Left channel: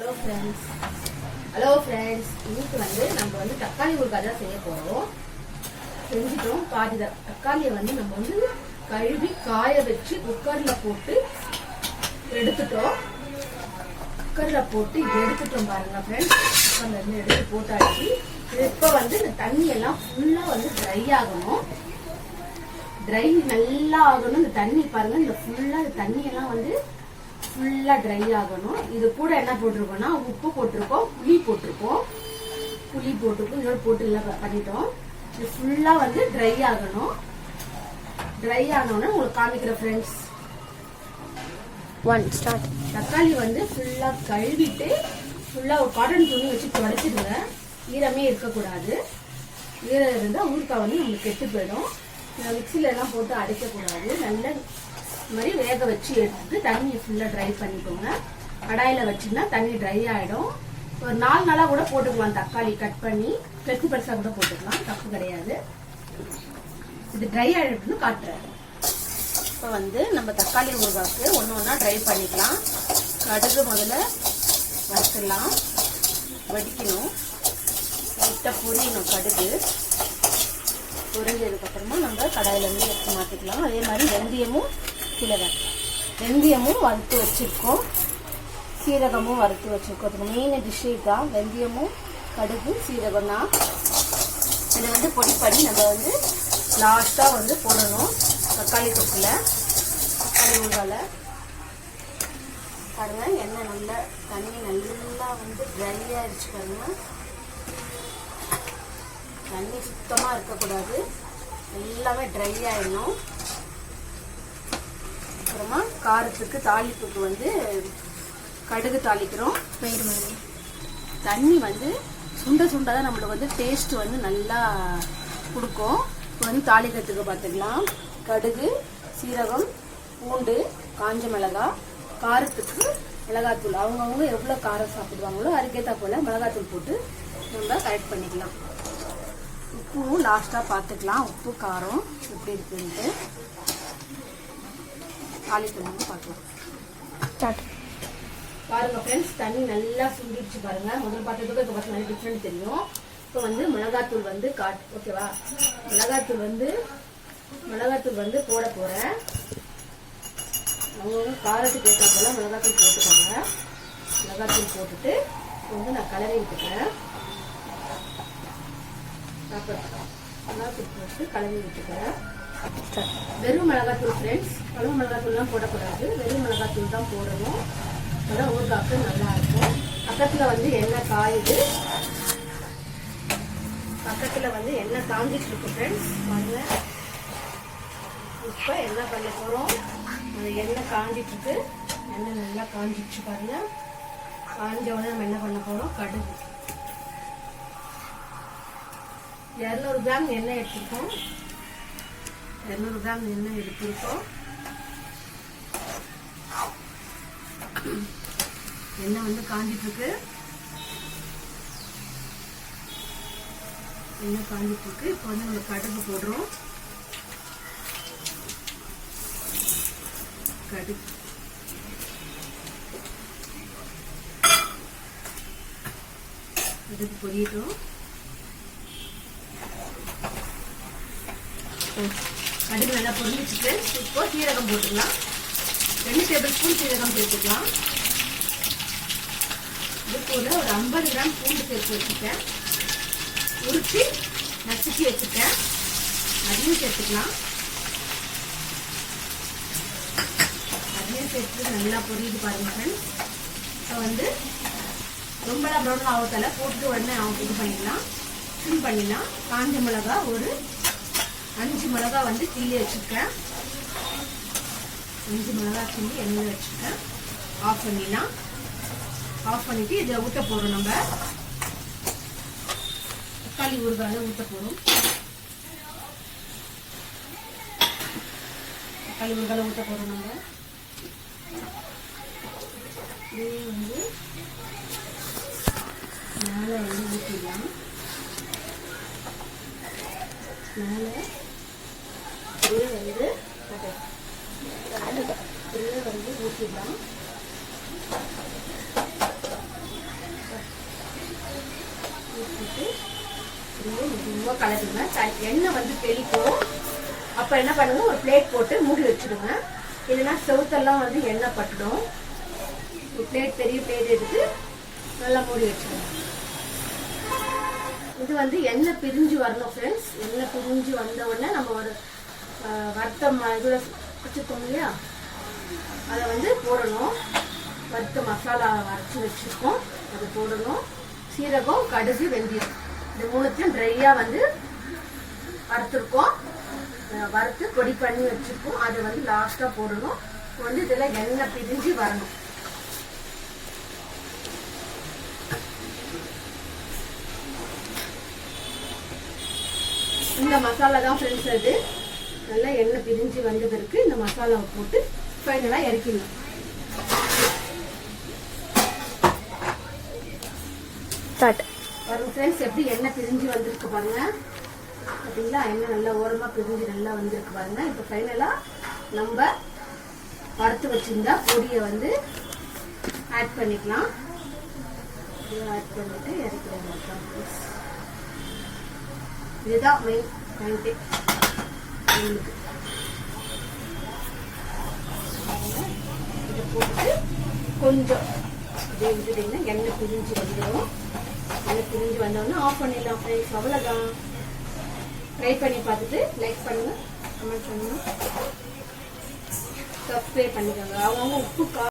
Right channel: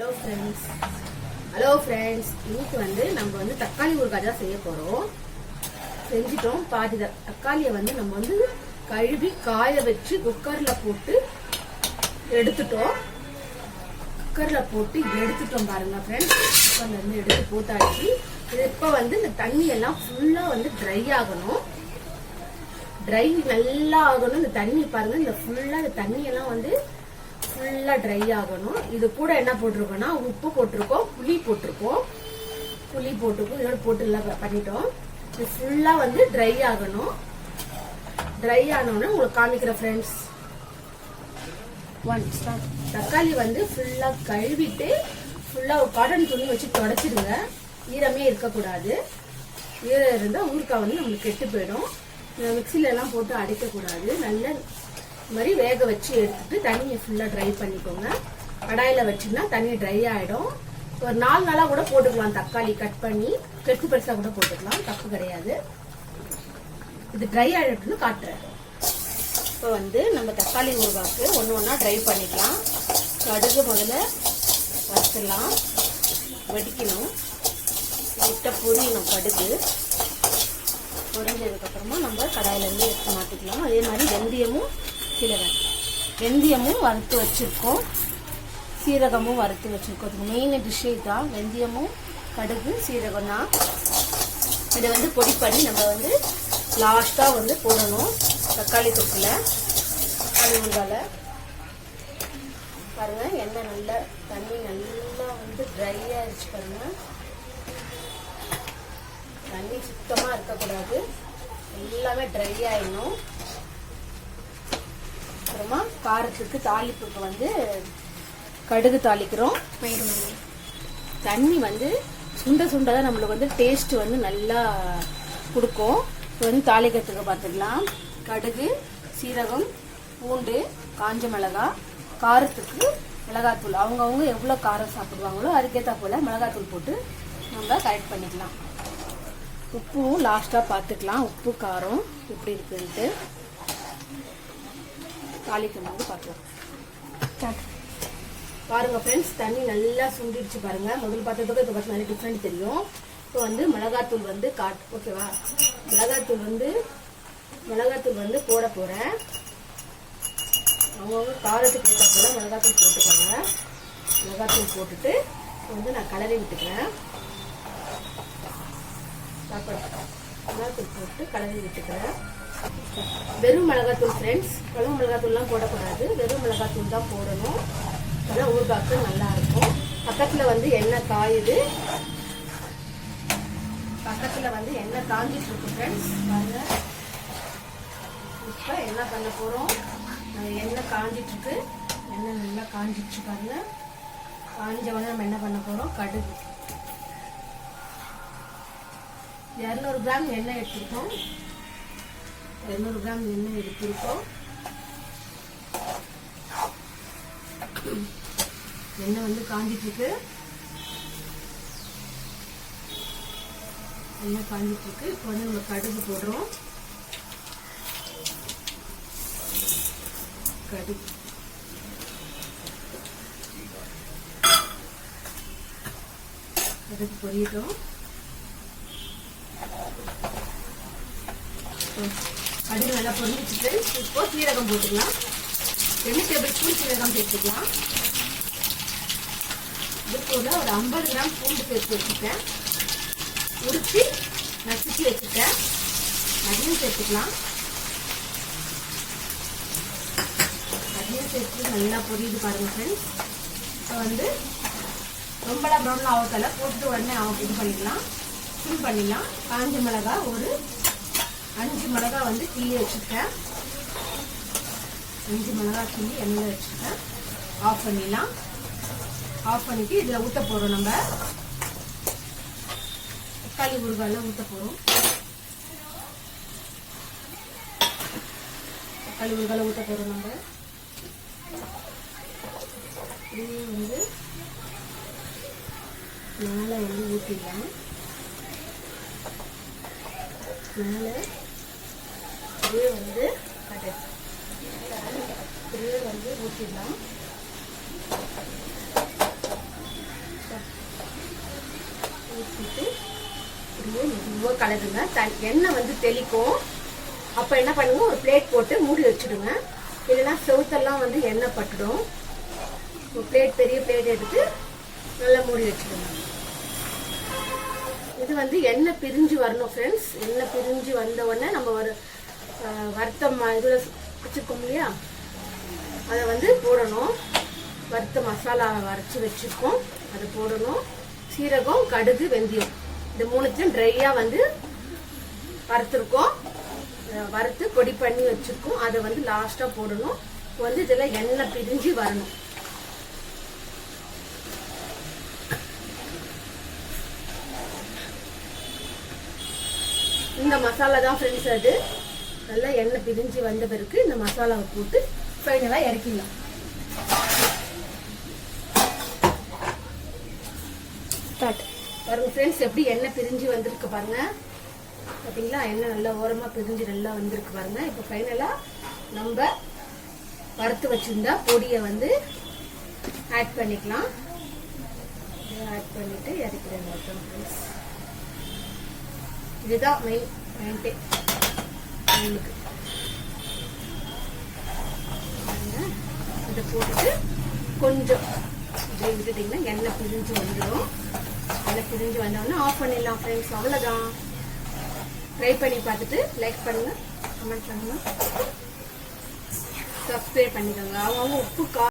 Hello friends, இன்னைக்கு நம்ம தக்காளி ஊறுகாய் தான் செய்ய போறோம். செஞ்சிட்டோம். பாதி தக்காளியை நம்ம கழுவி காய வச்சு குக்கர்ல போட்டு எடுத்துட்டோம். பாருங்க ஃப்ரெண்ட்ஸ், குக்கர்ல இருந்து எடுத்து போட்டாச்சு. இப்ப இந்த தண்ணி எல்லாம் ஃபுல்லா ட்ரை ஆகணும். ட்ரை நல்லா ஆகணும். இந்த தண்ணி பாருங்க, இந்த ஃபுல்லா தண்ணி எல்லாம் ஃபுல்லா ட்ரை ஆகணும். இது கூட என்ன போட்டிருக்கோம்னா உப்பு போட்டிருக்கோம், புளி போட்டிருக்கோம், இதோட போட்டு எல்லாம் பண்ணிட்டோம். இது ஃபுல்லா ட்ரை ஆகணும். ட்ரை ஆனோன்னு உங்களுக்கு காமிக்கிற ஃப்ரெண்ட்ஸ். தக்காளி ஃபுல்லா கழுவிட்டு ஃபுல்லா ஒரு காட்டன் துணி வச்சு துடைச்சிடுங்க. ஈரமே இருக்கக்கூடாது. ஈரம் இருந்தா ஊறுகாய் நம்மளுக்கு கெட்டு போயிடும். மிக்சில எல்லாம் போட்டு அடைக்க கூடாது. நல்ல மாதிரி வேக வச்சு எடுத்துட்டு தண்ணியை ஃபுல்லா ட்ரை பண்ணிக்கோங்க. கடாயில வச்சீங்கன்னா தண்ணி ட்ரை ஆயிடும். ஒரு 4 நாளா கூட போட்டுக்கலாம். தக்காளி கட் பண்ணி பெருசா கூட போட்டுக்கலாம், தப்பு கிடையாது. இது ட்ரை ஆயிடுன்னு காட்டுறேன். இப்போ நம்ம தக்காளி ஊறுகாய்க்கு ஒண்ணா ட்ரை பண்ணிக்கலாம். கடுகு முதல்ல வறுத்துலாம், வடிக்கணும், லைட்டா பொரியணும். கடுகு பொரிஞ்சதுக்கு அப்புறமா நம்ம கடாயில இருந்து எடுத்து மாத்திக்கலாம். அதே மாதிரி வெந்தயமும் வறுத்து வச்சிருக்கோம், சீரகமும் வறுத்து வச்சிருக்கோம். மெயின் டிஷ்ஷே தான் வெந்தயமும் கடுகு சீரகம் தான். இதை பொடி பண்ணி நம்ம லாஸ்டா போடணும். தக்காளி தொக்குல, தக்காளி ஊறுகால பாருங்க. எண்ணெய் நல்லா தண்ணி நல்லா ட்ரை ஆயிடுச்சு பாருங்க. தண்ணி சுத்தமா இருக்கக்கூடாது, எல்லாமே ட்ரை ஆயிடணும். அப்புறமா காரத்துக்கு தாளிப்புக்கு கடுகு தாளிக்கிறோம். தண்ணி சுண்ட சுண்டதான் நம்மளுக்கு டேஸ்ட் நல்லா கொடுக்கும். இப்போ தாளிக்கிறதுக்கு பார்த்துக்கலாம். கடுகு, சீரகம், பூண்டு, காஞ்ச மிளகாய், காரத்துக்கு மிளகாத்தூள். அவங்கவுங்க எவ்வளோ காரம் சாப்பிடுவாங்களோ அதுக்கேற்ற போல மிளகாத்தூள் போட்டு நம்ம கரெக்ட் பண்ணிக்கலாம். உப்பும் லாஸ்டா பார்த்துக்கலாம். உப்பு காரம் எப்படி இருக்குன்ட்டு தாளிக்கும் பார்க்கலாம். பாருங்க ஃப்ரெண்ட்ஸ், தண்ணி நல்லா சுண்டிடுச்சு பாருங்க. முதல் பார்த்ததுக்கு இப்போ நல்ல டிஃப்ரெண்ட் தெரியும். இப்போ மிளகாத்தூள் ஓகேவா. மிளகாத்தூள் போட போறேன். அவங்கவுங்க காரத்துக்கு ஏற்ற போல மிளகாத்தூள் போட்டுக்கோங்க. மிளகாத்தூள் போட்டுட்டு நான் கலரி விட்டுக்கிறேன். மிளகாத்தூள் போட்டு கலரி விட்டுக்கிறேன். வெறும் மிளகாத்தூள் ஃப்ரெண்ட்ஸ், வெறும் மிளகாத்தூள்லாம் போடக்கூடாது. வெறும் மிளகாத்தூள் தான் போடணும். அதெல்லாம் ஊறுகாய்க்கு நல்லா இருக்கும். பக்கத்துல எண்ணெய் காயுது. பக்கத்துல எண்ணெய் காஞ்சிட்டு இருக்கு ஃப்ரெண்ட்ஸ். பாருங்க, இப்ப என்ன பண்ண போறோம், எண்ணெய் காஞ்சிட்டு இருக்கு. எண்ணெய் நல்லா காஞ்சிச்சு பாருங்க. காஞ்ச உடனே நம்ம என்ன பண்ண போறோம், கடுகு 200 கிராம் எண்ணெய் எடுத்துருக்கோம். 200 கிராம் எண்ணெய் எடுத்திருக்கோம். எண்ணெய் காஞ்சிட்டு இருக்கு. எண்ணெய் காஞ்சிட்டு இருக்கு. இப்போ நம்ம கடுகு போடுறோம். கடுகு பொரியட்டும். கடுகு நல்லா பொரிஞ்சிட்டு இப்போ சீரகம் போட்டுக்கலாம். 2 டேபிள் ஸ்பூன் சீரகம் சேர்த்துக்கலாம். இது கூட ஒரு 50 கிராம் பூண்டு சேர்த்து வச்சுருக்கேன். உரிச்சு நசுக்கி வச்சுருக்கேன், அதையும் சேர்த்துக்கலாம். அதையும் சேர்த்து நல்லா பொரியுது பாருங்க ஃப்ரெண்ட்ஸ். இப்போ ரொம்பலாம் ப்ரௌன் ஆகத்தால போட்டு உடனே இது பண்ணிடலாம், ஃபில் பண்ணிடலாம். காஞ்ச மிளகா ஒரு 5 மிளகா கிள்ளி வச்சுருக்கேன். 5 மிளகா கிள்ளி எண்ணெயில் வச்சுருக்கேன். ஆஃப் பண்ணிடலாம். ஆஃப் பண்ணிட்டு இதில் ஊற்ற போகிறோம். நம்ம தக்காளி ஊறுகாயில் ஊற்ற போகிறோம். தக்காளி ஊறுகாயில் ஊற்ற போகிறோம். நம்ம மேலே ஊற்றிடலாம். மேலே ஊற்றிடலாம். பழகுங்க. எண்ணெய் வந்து தெளிக்கும். அப்ப என்ன பண்ணுங்க, ஒரு பிளேட் போட்டு மூடி வச்சிடுங்க. இல்லைன்னா செவுத்தெல்லாம் வந்து எண்ணெய் பட்டுடும். ஒரு பிளேட், பெரிய பிளேட் எடுத்து நல்லா மூடி வச்சிடுங்க. இது வந்து எண்ணெய் பிரிஞ்சு வரணும் ஃப்ரெண்ட்ஸ். எண்ணெய் பிரிஞ்சு வந்த உடனே நம்ம ஒரு வறுத்த இதுல வச்சிருக்கோம் இல்லையா, அதை வந்து போடணும். வறுத்த மசாலா அரைச்சி வச்சிருக்கோம், அது போடணும். சீரகம், கடுகு, வெந்தயம் இந்த மூணுத்தையும் ட்ரையா வந்து வறுத்துருக்கோம். வறுத்து பொடி பண்ணி வச்சிருக்கோம். அதை வந்து லாஸ்டா போடணும். இப்போ வந்து இதுல எண்ணெய் பிரிஞ்சு வரணும். இந்த மசாலா தான் ஃப்ரெண்ட்ஸ். அது நல்லா எண்ணெய் பிரிஞ்சு வந்த பிறகு இந்த மசாலாவை போட்டு ஃபைனலா இறக்கிடலாம். பாருங்க ஃப்ரெண்ட்ஸ், எப்படி எண்ணெய் பிரிஞ்சு வந்திருக்கு பாருங்க. பார்த்தீங்களா, எண்ணெய் நல்லா ஓரமா பிரிஞ்சு நல்லா வந்திருக்கு பாருங்க. இப்போ ஃபைனலா நம்ம வறுத்து வச்சிருந்தா பொடியை வந்து ஆட் பண்ணிக்கலாம். ஆட் பண்ணிட்டு இறக்கிடுங்க. இதுதான் மெயின் பாயிண்டே. இதை போட்டு கொஞ்சம் எண்ணெய் பிரிஞ்சு வந்துடும். எண்ணெய் பிரிஞ்சு வந்தோடனே ஆஃப் பண்ணிடலாம் ஃப்ரெண்ட்ஸ். அவ்வளோதான். ட்ரை பண்ணி பார்த்துட்டு லைக் பண்ணுங்க, கமெண்ட் பண்ணுங்க, சப்ஸ்கிரைப் பண்ணிக்கோங்க. அவங்க உப்பு